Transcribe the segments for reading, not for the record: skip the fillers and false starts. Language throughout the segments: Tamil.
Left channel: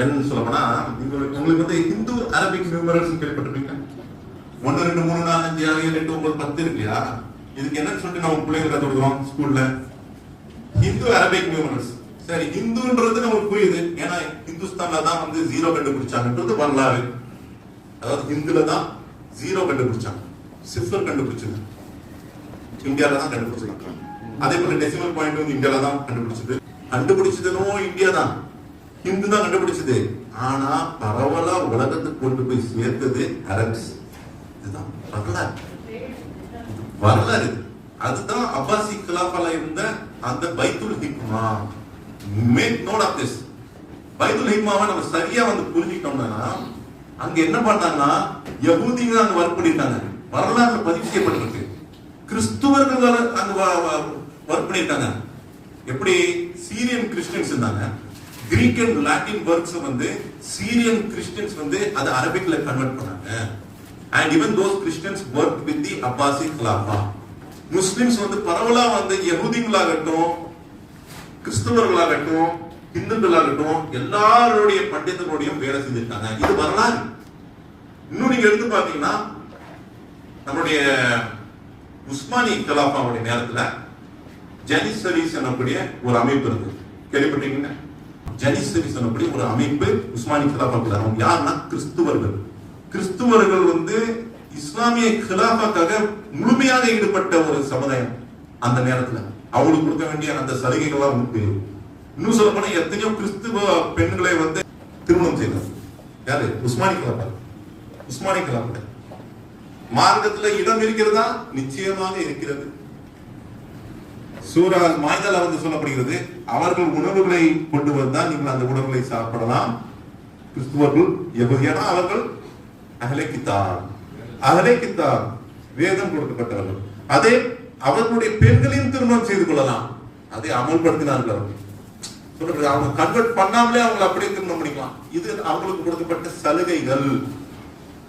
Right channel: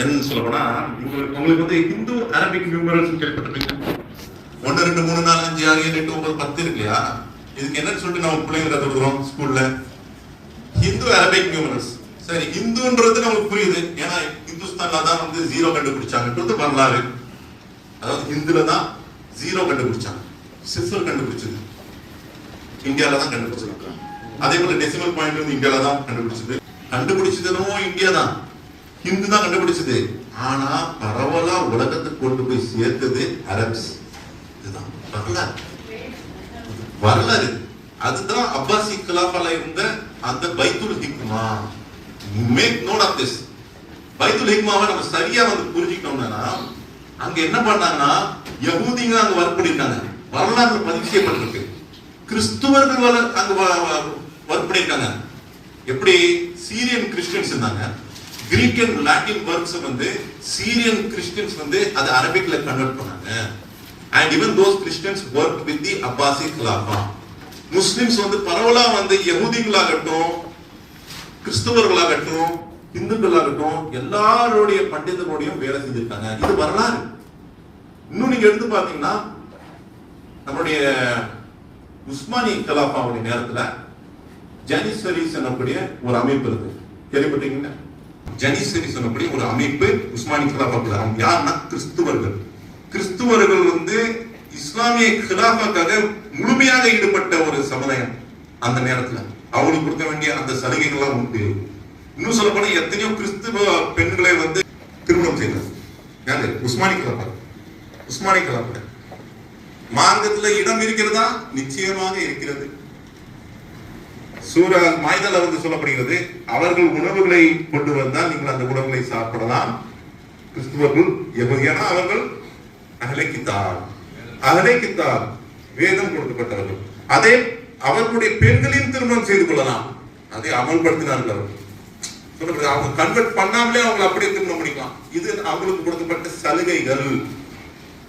என்னன்னு சொல்ல போனா உங்களுக்கு வந்து ஹிந்து அரபிக் நியூமரல்ஸ் கேள்விப்பட்டிருப்பீங்க. 1 2 3 4 5 6 7 8 9 10 இருக்கு இல்லையா? இதுக்கு என்னன்னு சொல்லிட்டு நம்ம பிள்ளைங்க கத்துக்கிறோம் ஸ்கூல்ல, ஹிந்து அரபிக் நியூமரல்ஸ். சரி, ஹிந்துன்றது நமக்கு புரியுது, ஏன்னா இந்துஸ்தான்ல தான் வந்து 0 கண்டுபிடிச்சாங்கன்றது வரலாறு. அதாவது ஹிந்துல தான் 0 கண்டுபிடிச்சாங்க, சிஃபர் கண்டுபிடிச்சது இந்தியால தான் கண்டுபிடிச்சிருக்காங்க. அதே போல டெசிமல் பாயிண்ட் வந்து இந்தியால தான் கண்டுபிடிச்சதும் இந்தியா தான், ஹிந்து தான் கண்டுபிடிச்சது. ஆனா பரவலா உலகத்துக்கு கொண்டு போய் சேர்த்தது அரப்ஸ். இதுதான் வரலாறு. அதுதான் அப்பாசி கிலாஃபால இருந்த அந்த Baitul Hikma. Make note of this. Baitul ஹிக்மாவை நம்ம சரியா வந்து புரிஞ்சுக்கிட்டோம்னா, அங்க என்ன பண்ணாங்கன்னா யஹூதிங்க அங்க வற்புடிட்டாங்க, வரலாறு பதிவு செய்யப்பட்டிருக்கு. கிறிஸ்துவர்கள் அங்க வற்புடிட்டாங்க. எப்படி? சீரியன் கிறிஸ்டியன்ஸ் இருந்தாங்க, கிரீக் அண்ட் லாட்டின் வேர்ட்ஸ் வந்து சீரியன் கிறிஸ்டியன்ஸ் வந்து அது அரபிக்ல கன்வெர்ட் பண்ணாங்க. and even those Christians worked with the Abbasi Khilafah. Muslims வந்து பரவலா வந்து யஹூதிகளாகட்டும் கிறிஸ்தவர்களாகட்டும் இந்துக்களாகட்டும் எல்லாருடைய பண்டிதர்களுடையும் வேலை செஞ்சிருக்காங்க. இது வரலாறு. இன்னும் நீங்க எடுத்து பாத்தீங்கன்னா நம்முடைய உஸ்மானி கலாபாவுடைய நேரத்துல ஜனிசரிஸ் எனக்கூடிய ஒரு அமைப்பு இருக்கு, கேள்விப்பட்டீங்கன்னா? ஜனிசரிஸ் எனக்கூடிய ஒரு அமைப்பு உஸ்மானி கலாபாவுல யாருன்னா கிறிஸ்துவர்கள் வந்து இஸ்லாமிய கிலாஃபாக்காக முழுமையாக ஈடுபட்ட ஒரு சமுதாயம். அந்த நேரத்துல அவங்களுக்கு கொடுக்க வேண்டிய அந்த சலுகைகள்லாம் உண்டு. இன்னும் சொல்ல போனா எத்தனையோ கிறிஸ்துவ பெண்களை வந்து திருமணம் செய்தார். யாரு? உஸ்மானி கலாபா. மார்க்கத்துல இடம் இருக்கிறதா? நிச்சயமாக இருக்கிறது. சூரா மாய்தால வந்து சொல்லப்படுகிறது, அவர்கள் உணவுகளை கொண்டு வந்தால் நீங்கள் அந்த உணவுகளை சாப்பிடலாம். கிறிஸ்துவர்கள் ஏன்னா அவர்கள் அகலை கித்தாப் வேதம் கொடுக்கப்பட்டவர்கள். அதே அவர்களுடைய பெண்களையும் திருமணம் செய்து கொள்ளலாம். அதை அமல்படுத்தினார்கள். அவர்கள் அவங்க கன்வெர்ட் பண்ணாமலே அவங்க அப்படியே திருமணம் பண்ணிக்கலாம். இது அவங்களுக்கு கொடுக்கப்பட்ட சலுகைகள்.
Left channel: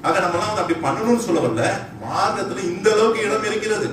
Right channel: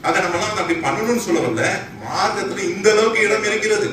அதை நம்ம அப்படி பண்ணணும்னு சொல்லவில்லை. மார்க்கத்துல இந்த அளவுக்கு இடம் இருக்கிறது.